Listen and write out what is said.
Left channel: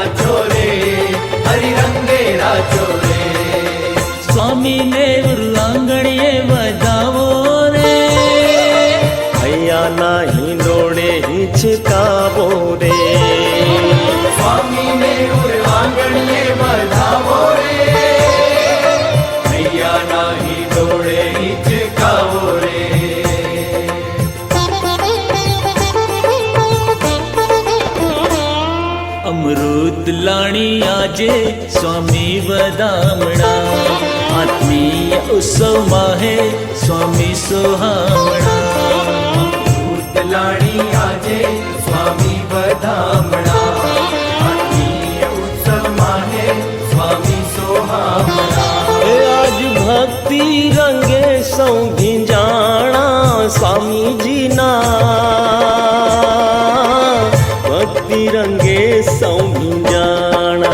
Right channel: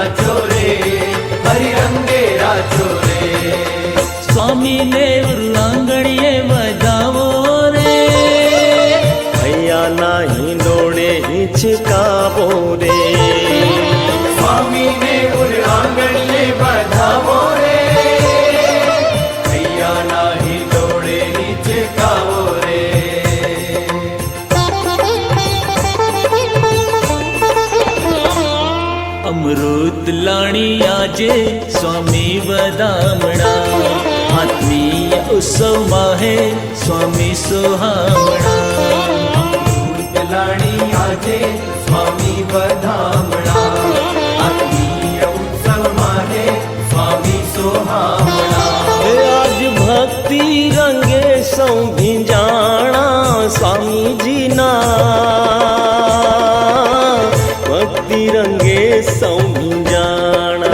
राजो रे, हरि रंगे राजो रे। स्वामी ने आंगणिये बधावो रे, भैया नाही डोळे हिचकावो रे। स्वामी ने आंगणिये बधावो रे, भैया नाही डोळे हिचकावो रे। अमृत लाणी आजे स्वामी वदामणा, आत्मीय उत्सव माहे स्वामी सोहामणा। अमृत लाणी आजे स्वामी वदामणा, आत्मीय उत्सव माहे स्वामी सोहामणा। आज भक्ति रंगे सौ भिंजाणा स्वामी जी ना, भक्ति रंगे सौ भिंजाणा।